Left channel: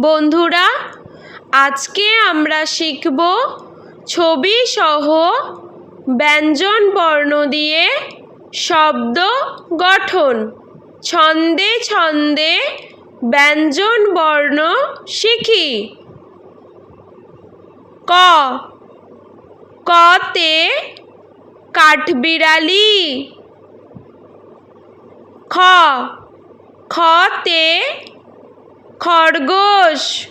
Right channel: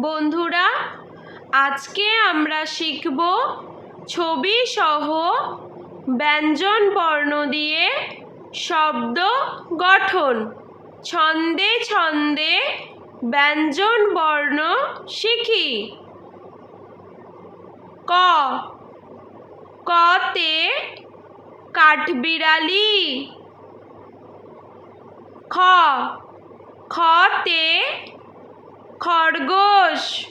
বন্ধুরা, আজকে আমরা শিখব ছবি সহ ব্যঞ্জন বর্ণ দিয়ে শব্দ গঠন। ছন্দে ছন্দে ব্যঞ্জন বর্ণ শিখি। ক, কতে কাঠবিড়ালি। খ, খতে খরগোশ।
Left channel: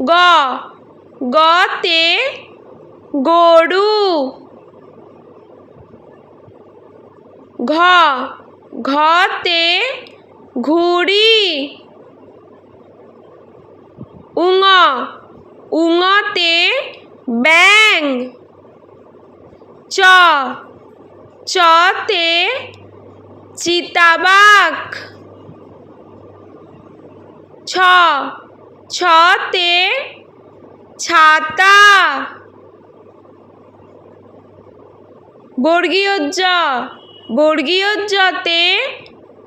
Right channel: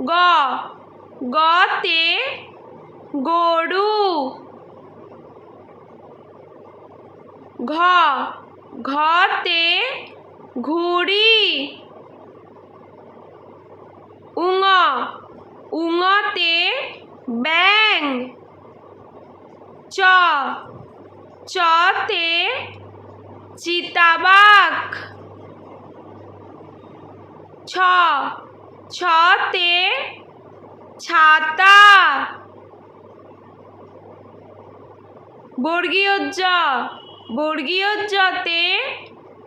গ, গতে গরু। ঘ, ঘতে ঘুড়ি। উঙ, উঙতে ব্যাঙ। চ, চতে চিতাবাঘ। ছ, ছতে ছাতা। বর্গীয় জ, বর্গীয় জতে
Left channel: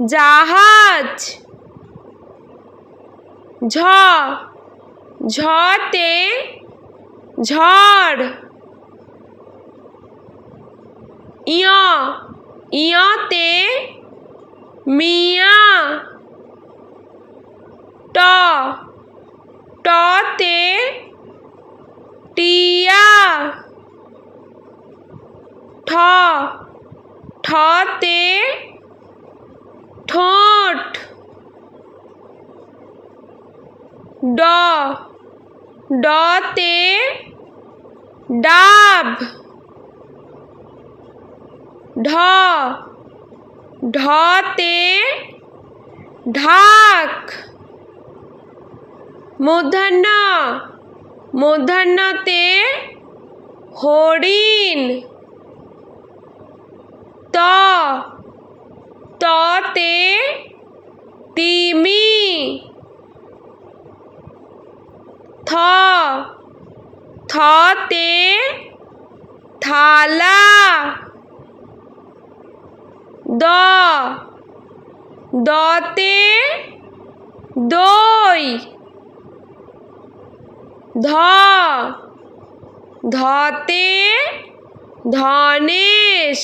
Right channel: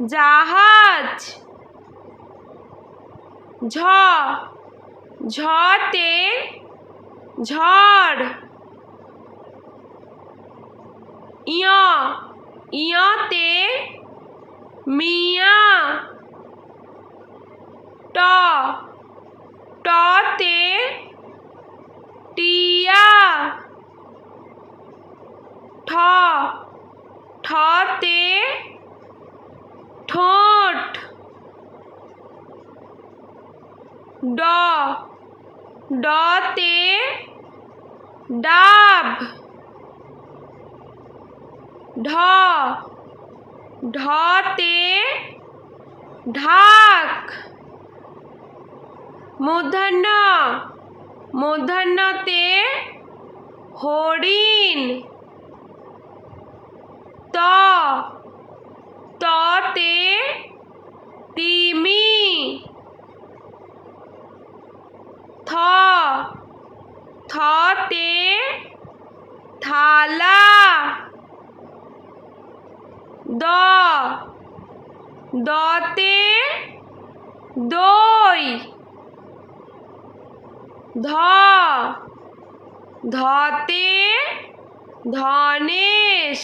জাহাজ। ঝ, ঝতে ঝড়। ইয়, ইয়তে মিয়া। ট, টতে টিয়া। ঠ, ঠতে ঠোঁট। ড, ডতে ডাব। ঢ, ঢতে ঢাক। মূর্ধন্য, মূর্ধন্যতে হরিণ। ত, ততে তিমি। থ, থতে থালা। দ, দতে দই। ধ, ধতে ধনেশ।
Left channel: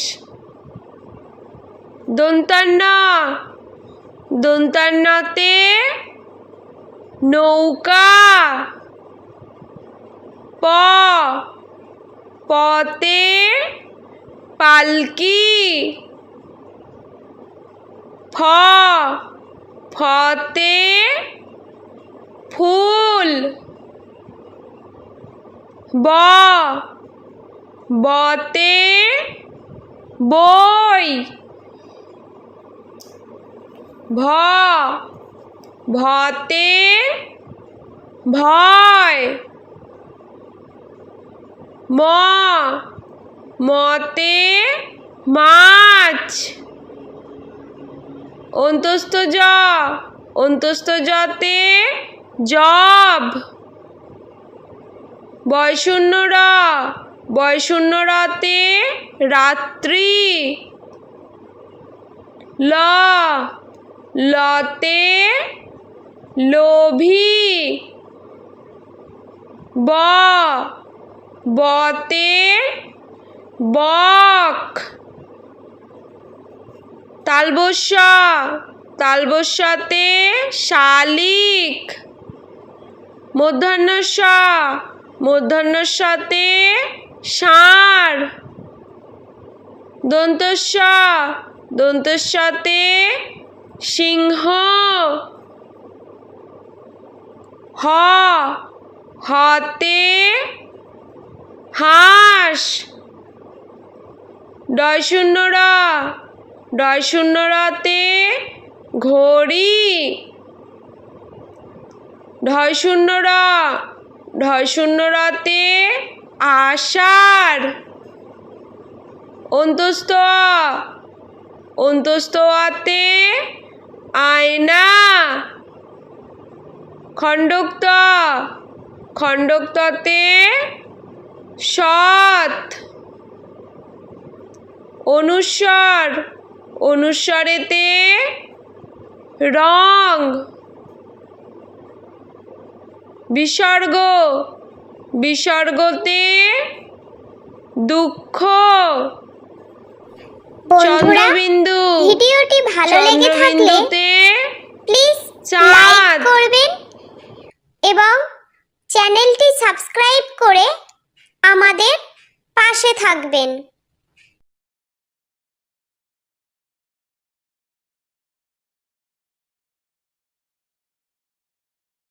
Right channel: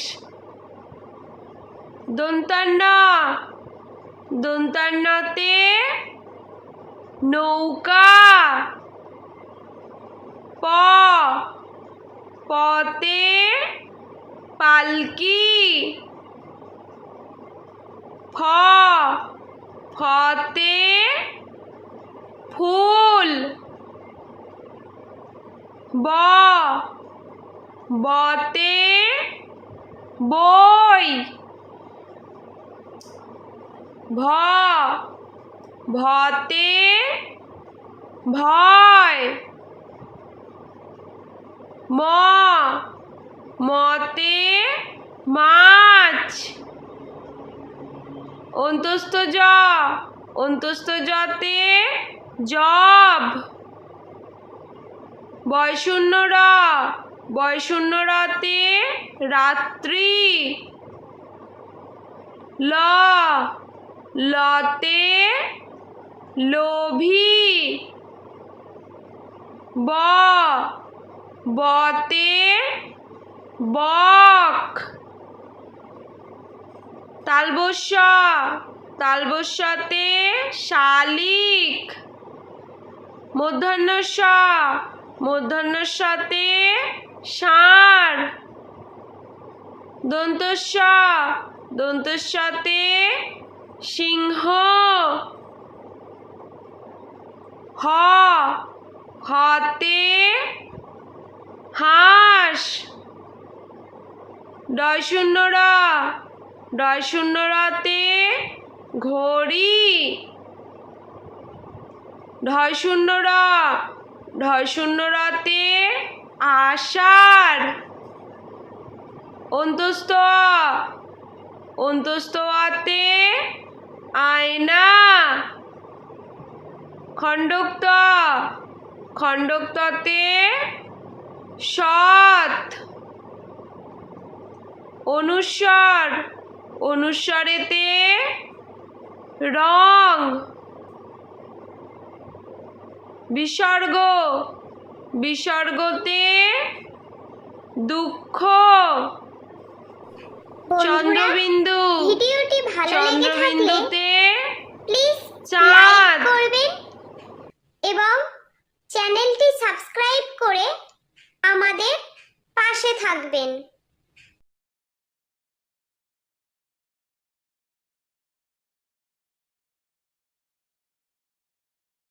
দন্তান্ন, দন্তান্নতে নৌকা। প, পতে পালকি। ফ, ফতে ফুল। ব, বতে বই। ভ, ভতে ভয়। ম, মতে মাছ। অন্তস্থ জ, অন্তস্থ জতে জব। বয়শূন্য র, বয়শূন্য রতে রাত্রি। ল, লতে লোভী। ব, বতে বক। তালবস্য, তালবস্যতে শালিক। মূর্ধন্য ষ, মূর্ধন্য ষতে ষাঁড়। দন্তস্ব, দন্তস্বতে সিংহ। হ, হতে হাঁস। ডয়শূন্য র, ডয়শূন্য রতে ঘড়ি। ঢয়শূন্য র, ঢয়শূন্য রতে আষাঢ়। অন্তস্থ অ, অন্তস্থ অতে আয়না। খণ্ডোক্ত, খণ্ডোক্ততে সৎ। অনুস্বর, অনুস্বরেতে রং। বিসর্গ, বিসর্গতে দুঃখ। বন্ধুরা, চন্দ্রবিন্দু, ভিডিওটি ভালো লেগে থাকলে চন্দ্রবিন্দুতে প্লিজ লাইক চাঁদ। করবেন এবং চ্যানেলটি সাবস্ক্রাইব করে আমাদের পাশে থাকবেন।